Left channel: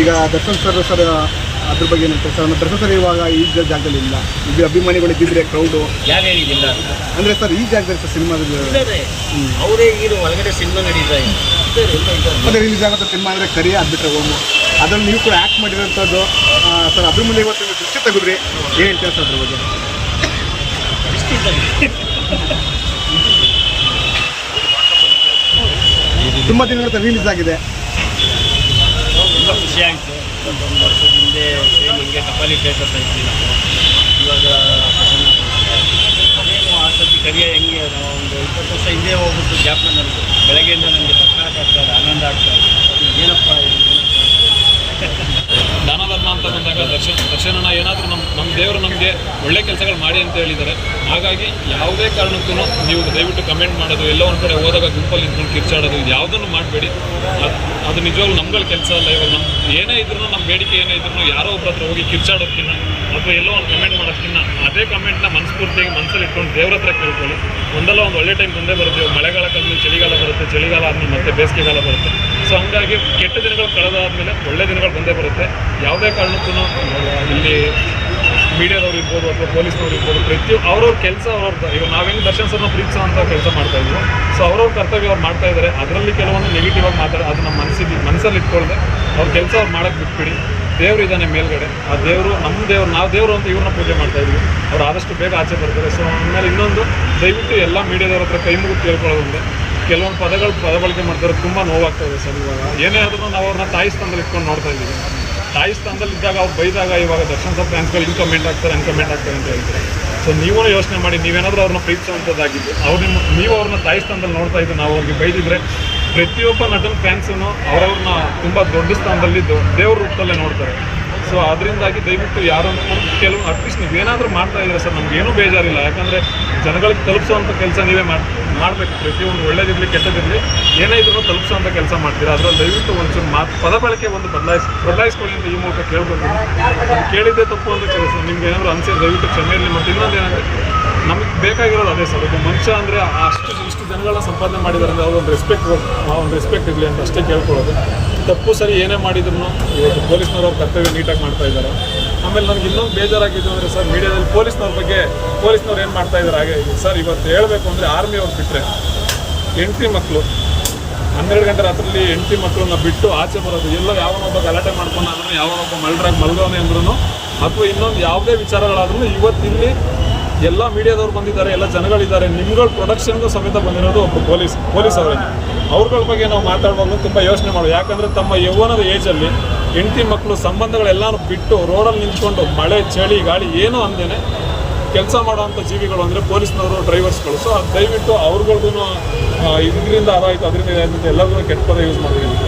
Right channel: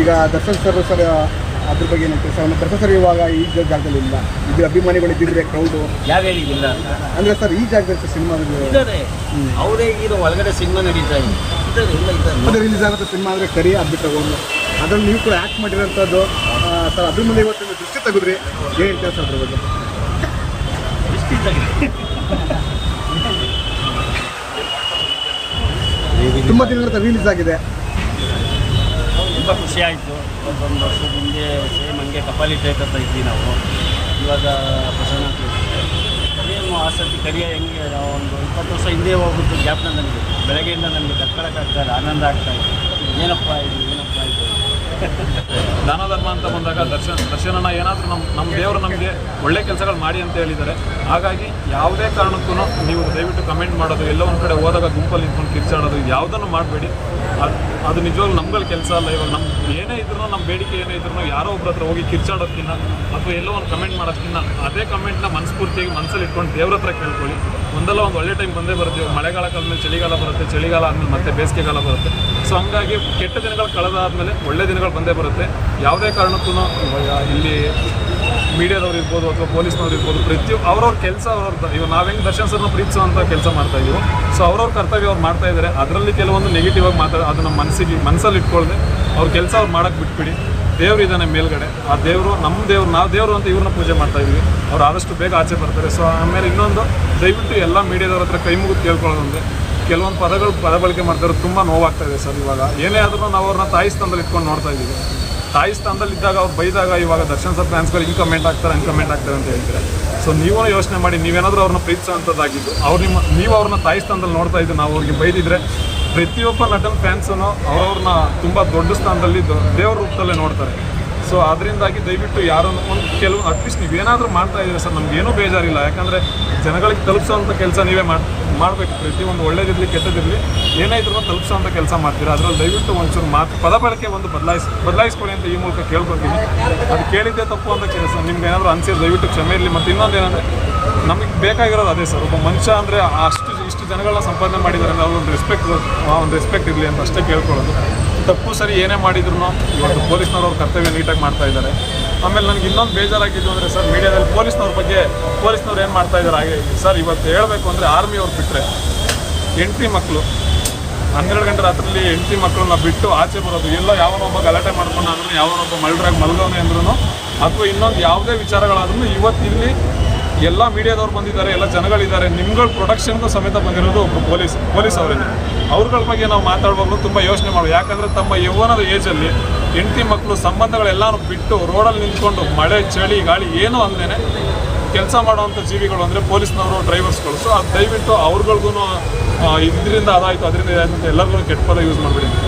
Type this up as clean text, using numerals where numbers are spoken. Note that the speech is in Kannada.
ಈಗ ದರ್ಶನ್ ಸರ್ ಅದ್ರ ಬಗ್ಗೆ ಏನಂತ ಸರ್? ದರ್ಶನ್ ಸರ್ ಇವಾಗ ಈ ಜಾಗದಲ್ಲಿ ಇಲ್ಲ, ಇದು ಅಭಿಮಾನಿಗಳು ಇದ್ದಿದ್ರೆ ಕ್ರೌಡು ಯಾರು ಹೇಳಿಲ್ಲ ಅಂತ ಅಂದರೆ ಸರ್ ಈ ಜಾಗದಲ್ಲಿ ಸರ್ ಸಿನಿಮಾದಲ್ಲಿ ಇದ್ದಾರೆ, ಅವರೇ ಹೀರೋ. ಒಳಗಡೆ ಸಿನಿಮಾ ನಡೀತಾ ಇದ್ದಾರೆ, ಎಲ್ಲ ಇದ್ದಾರೆ. ಅದೇ ರಿಲೀಸ್ ಆಗುತ್ತೆ ಸಿನಿಮಾ ಅಂದರೆ ಕರಿ ಆಗ್ಬಿಟ್ರೆ ಹೋಮು, ಅದ್ರಲ್ಲಿ ನೀವು ಕೂಡ ಆ್ಯಕ್ಟ್ ಮಾಡಿರೋಂಥದ್ದು ಸರ್. ಅದ್ರ ಮೇಲೆ ಇವತ್ತು ನೀವು ದೃಷ್ಟಿ ತೆಗೆದ್ರಿ, ಏನು ಹೇಳ್ತೀರಾ ಸರ್ ಅದ್ರ ಬಗ್ಗೆ? ತುಂಬ ದಿನಗಳ ರಿಲೀಸ್ ಆಗಿದೆ, ತುಂಬ ಖುಷಿ ಆಯಿತು. 21 ವರ್ಷದ ಹಿಂದೆ ಸೇಮ್ ಹಂಗೆ ಕಪಾಲಿ ಥಿಯೇಟರ್ ಇದ್ವಿ ನಾವು. ಇವಾಗ ಪ್ರಸನ್ನ ಸೇಮ್ ಆ ಸತಿ ಕರಿಯ ಹೆಂಗೆ ನಾವು ಒಂದು 20 ವರ್ಷ ಹಿಂದೆ ಹೋಗ್ಬಿಟ್ಟು ಜ್ಞಾಪನ ನನಗೆ ಬೆಳಗ್ಗೆಯಿಂದ ನನಗೆ ತಡ್ಕೊಳಕ್ಕಾಗ್ತಾಯಿಲ್ಲ, ಆನಂದ ಆಗ್ತಾಯಿದೆ. ಏನಪ್ಪ ಇದು ದಾನ ಧರ್ಮ ಅಂತ ಬಂದಾಗ ದರ್ಶನಣ್ಣ ಏನಾದರೂ ನಮ್ಮ ದೇವರು ನಮಗೆ ಒಳ್ಳೆ ಕೆಲಸಗಳು ಮಾಡಿ ಅಂತ ಹೇಳಿದ್ದಾರೆ. ಹಾಗಾಗಿ ಯಾವುದೇ ಕಾರಣಕ್ಕೂ ನೀವು ದಯವಿಟ್ಟು ಕಮೆಂಟ್ ಮಾಡೋದು, ಎಲ್ಲ ಒಂದು ಕಡೆ ಹೋದಾಗ ಗುಂಪಲ್ಲಿ ನಿಂತ್ಕೊಂಡು ಕಿರ್ಚಾಡೋದು, ಇದು ಯಾವುದನ್ನು ಮಾಡಬೇಡಿ. ಅದು ನಿಜವಾಗ್ಲೂ ನಮ್ಗಳ ಕೆಲಸ ಅಲ್ಲ. ಇವಾಗ ನಮ್ಮ ಏನೇ ಇದ್ರೂ, ನಮ್ಮ ಬೇಡಿಕೆ ಏನೇ ಇದ್ರೂ ಯಾರೋ ಒಬ್ಬರ ಹತ್ರ ಹೋಗಿ ಕಿರ್ಚಾಡೋದಕ್ಕಿಂತ ಅಥವಾ ಎಲ್ಲೋ ಒಂದು ಕಮೆಂಟ್ ಮಾಡೋದಕ್ಕಿಂತ ಅದೇ ಕಮೆಂಟ್ನ ಮನಸ್ಫೂರ್ತಿಯಾಗಿ ಮನಸ್ಸಲ್ಲಿ ಇಟ್ಕೊಂಡು ದೇವ್ರ ಹತ್ರ ಕೇಳ್ಕೊಳ್ಳಿ. ಒಂದಲ್ಲ ಒಂದು ಒಳ್ಳೆ ಟೈಮ್ ಬಂದೇ ಬರುತ್ತೆ. ಮಳೆಗಾಲ ಕಳೆದ್ಮೇಲೆ ಚಳಿಗಾಲ ಬರುತ್ತೆ, ಚಳಿಗಾಲ ಆದಮೇಲೆ ಮತ್ತೆ ಬೇಸಿಗೆಗಾಲ ಬರುತ್ತೆ. ಸೊ ಹಂಗಾಗಿ ಕೆಟ್ಟ ದಿನಗಳು ಕಳೆದಾದ್ಮೇಲೆ ಒಳ್ಳೆ ದಿನಗಳು ಬಂದೇ ಬರುತ್ತೆ. ಯಾವುದೇ ಕಾರಣಕ್ಕೂ ಇಲ್ಲಿ ಮೀಡಿಯಾದವ್ರು ಇರ್ಬೋದು ಅಥವಾ ಪೊಲೀಸ್ನವ್ರು ಇರ್ಬೋದು, ಪ್ರತಿಯೊಬ್ಬರು ಅವ್ರವ್ರ ಕೆಲಸ ಇವಾಗ ನಾವು ಹೆಂಗೆ ದರ್ಶನ್ ಸರ್ನ ಪ್ರೀತಿಸೋಂಥ ಕೆಲಸ ಮಾಡ್ತಾ ಇದೀವೋ, ಸೊ ಅವ್ರವ್ರ ಕರ್ತವ್ಯ ಅವ್ರು ಮಾಡ್ತಾ ಇದ್ದಾರೆ. ಅದರಲ್ಲಿ ಕೆಲವೊಂದು ನೆಗೆಟಿವ್ ಆಗಿ ಅದು ನಮ್ಮ ಮನಸ್ಸಲ್ಲಿ ಇಟ್ಕೊಳ್ಳದೆ ಅವ್ರ ಕೆಲಸ ಅವ್ರು ಮಾಡೋಕ್ಕೆ ಬಿಟ್ಬಿಡಿ. ದೇವ್ರು ಇದ್ದಾನೆ ಮೇಲ್ಗಡೆ, ಆ ದೇವರು ನಮ್ಮ ದೇವ್ರು, ನಾವು ದೇವರು ಅಂತ ಇವ್ರನ್ನ ಪೂಜೆ ಮಾಡ್ತಾ ಇದೀವಿ. ಅವ್ರು ಆದಷ್ಟು ಬೇಗ ಆಚೆ ಬರ್ತಾರೆ. ಸೊ ಆಮೇಲೆ ಇನ್ನೊಂದು, ದಯವಿಟ್ಟು ಎಲ್ಲ ಮೀಡಿಯಾದವ್ರ ಹತ್ರ ಕೈ ಮುಗಿದು ಕೇಳ್ಕೊಳ್ಳೋದೊಂದೇ. ಕೆಲವೊಂದು ಪದ ಬಳಕೆ ಮಾಡ್ತಾರೆ, ತುಂಬ ನೋವಾಗ್ತಾ ಇದೆ ಸರ್. ಇವಾಗ ಏನೇ ಆದ್ರೂ ನಾವು ಅವ್ರನ್ನ ತಾಯಿ ಸ್ಥಾನದಲ್ಲಿ ಇಟ್ಕೊಂಡು ನೋಡ್ತಾ ಇದ್ದೀವಿ. ತಾಯಿ ಸ್ಥಾನದಲ್ಲಿ ಇದ್ದಾಗ ಅವ್ರು ಬೈದಾಗ ಇವಾಗ ದರ್ಶನ್ ಸರ್ ಫ್ಯಾನ್ಸ್ಗಳು ಹಿಂಗೆ ಕಮೆಂಟ್ ಆಗ್ತಾರೆ ಅಂತ ಹೇಳ್ತಾರೆ. ಸೊ ನೀವು ಯೋಚನೆ ಮಾಡಿ, ನೀವೇನಾದರೂ ಅವ್ರನ್ನ ಪ್ರೀತಿಸೋವಂಥದ್ದಾಗಿದ್ದು ನೀವು ಅವ್ರನ್ನ ತಾಯಿ ಸ್ಥಾನದಲ್ಲಿ ನೋಡ್ತಾ ಇದ್ದು ನಾವು ಅವ್ರಿಗೆ ಬೈದಿದ್ರೆ, ಪ್ರತಿಯೊಬ್ಬ ನಟನ ಫ್ಯಾನ್ಸನ್ನು ಅವ್ರವ್ರನ್ನ ತುಂಬ ದೊಡ್ಡ ಸ್ಥಾನದಲ್ಲಿ ದೇವ್ರ ರೂಪದಲ್ಲೇ ನೋಡ್ತಾರೆ. ಸೊ ಅದರಿಂದಾಗಿ ದಯವಿಟ್ಟು ಯಾರನ್ನು ಕೆಲವು ಅಟ್ಲೀಸ್ಟ್ ನೀವೇನಾದರೂ ಮಾಡ್ತಾ ಇದ್ದೀರಾ ಸರ್, ನಮಗೇನೂ ಬೇಜಾರಿಲ್ಲ. ಯಾಕಂದರೆ ಜನಗಳಿಗೆ ತಲುಪಿಸೋವಂಥ ಕೆಲಸ ನೀವೇ ಮಾಡಬೇಕು. ಪ್ರತಿಯೊಂದು ಒಳ್ಳೇದಿರಲಿ ಕೆಟ್ಟದಿರಲಿ ಏನೇ ಇದ್ರೂ ತಲುಪಿಸೋವಂಥ ಕೆಲಸ ಮಾಡ್ತೀರಾ. ಅದರಲ್ಲಿ ದಯವಿಟ್ಟು ಒಂಚೂರು ಪದ ಬಳಕೆ ಒಂದು ಬದಲಾಯಿಸ್ಕೊಳ್ಳಿ ಅಂತ ಈ ಮೂಲಕ ಕೇಳ್ಕೊಳ್ತೀನಿ. ಅದು ಕೇಳಿದ್ದೇ ತಪ್ಪು ಅಂತ ಕೆಲಸ ನಿಮ್ಗೆ ಏನಾದರೂ ಅನಿಸಿದ್ರೆ ದಯವಿಟ್ಟು ಕ್ಷಮೆ ಇರಲಿ. ಮತ್ತು ಇನ್ನೊಂದು ಏನಂದರೆ, ನಮಗೆ ಬೇಕಾಗಿರೋದು ಅದೇ ಸರ್. ಒಬ್ಬ ಮನುಷ್ಯ ಅಂದರೆ ಇಷ್ಟು ಜನಗಳನ್ನ ಸಂಪಾದನೆ ಮಾಡಿದ್ದಾರೆ ಅಂದರೆ ಅವ್ರೊಂದು ರೆಸ್ಪೆಕ್ಟ್ ಇರಲಿ ಅಂತ ಅಷ್ಟೇ ಕೇಳ್ಕೊಳ್ಳೋದು. ತಪ್ಪು ಸರಿ ಏನೇ ಮಾಡಿದ್ರು ಇವತ್ತು ಪೊಲೀಸ್ನವ್ರು ಅವ್ರ ಕರ್ತವ್ಯ ನೀಟಾಗಿ ಮಾಡ್ತಾ ಇದ್ದಾರೆ. ಆಮೇಲೆ ನನಗೆ ಇನ್ನೊಂದು ಬೇಜಾರಾಗಿದ್ದು ಅಂದರೆ ಸರ್, ಮೀಡಿಯಾದಲ್ಲಿ ಪೊಲೀಸ್ನವ್ರು ಏನು ಮಾಡ್ತಾ ಇದ್ದಾರೆ ಹಾಗೆ ಸರ್. ಇವತ್ತು ಹೇಳಬೇಕು ಅಂದರೆ ಆರ್ಮಿಯವ್ರು ಬಿಟ್ಟರೆ ಹೆಂಡತಿ ಮಕ್ಕಳು 12 ಗಂಟೆ ರಾತ್ರಿಯಲ್ಲಿ ಹೆಂಡತಿ ಮಕ್ಕಳನ್ನ ಬಿಟ್ಟು ಆಚೆ ಬರೋದು, ಎಲ್ಲೋ ಯಾವನೊಬ್ಬ ಗಲಾಟೆ ಮಾಡ್ಕೊಂಡು ಅಂದ್ರೂ, ಯಾವನೊಬ್ಬ ಮಲ್ಡ್ರಾಗಿ ಮಲ್ಗವನೆ ಅಂದ್ರೂ, ಅಥವಾ ಇನ್ನೊಂದು ಯಾವುದೇ ವಿಚಾರಗಳಾದ್ರೂ ಇವತ್ತು ಇಲ್ಲಿ ಎಲ್ಲ ಮೀಡಿಯಾದವ್ರು ಬಂದಿದ್ದಾರೆ, ಎಲ್ಲ ಜನಗಳಿದ್ದಾರೆ. ನಿಮ್ಗಳ ಪ್ರೊಡಕ್ಷನ್ಗೂ ಸಮೇತ ಬಂದಿರೋದು ಒಬ್ಬರು ಪೊಲೀಸ್ ಅವರೇನೆ. ಅವ್ರಗಳ ಬಗ್ಗೆ ನಾವು ಮಾತಾಡುವಾಗಲೂ ತುಂಬ ಯೋಚನೆ ಮಾಡೋದು. ಯಾಕಂದರೆ ತಮ್ಮ ಯೌವನದ ಏಜಲ್ಲಿ ಹೆಂಡತಿ ಮಕ್ಕಳು ಸಂಬಂಧಗಳೆಲ್ಲನೂ ಬಿಟ್ಟು ರೋಡಲ್ಲಿ ನಿಂತ್ಕೊಂಡು ಮಳೆ ಚಳಿ ಗಾಳಿ ಏನೂ ಅಂದೇನೆ ಕೆಲಸ ಮಾಡುವಂಥ ಜೀವಿಗಳು ಅಂದರೆ ಪೊಲೀಸ್ನವರು, ಡ್ರೈವರ್ಸ್ಗಳು. ಸೊ ಅದು ದಯವಿಟ್ಟು ಅವ್ರಿಗೂ ಇದರಿಂದ ಅದಾಯಿತು ಅದರಿಂದ ಇದಾಯಿತು ಅಂತ ಎಲ್ಲರಿಗೂ ಕೆಟ್ಟ ಪದ ಯೂಸ್ ಮಾಡಬೇಡಿ ಅಂತ.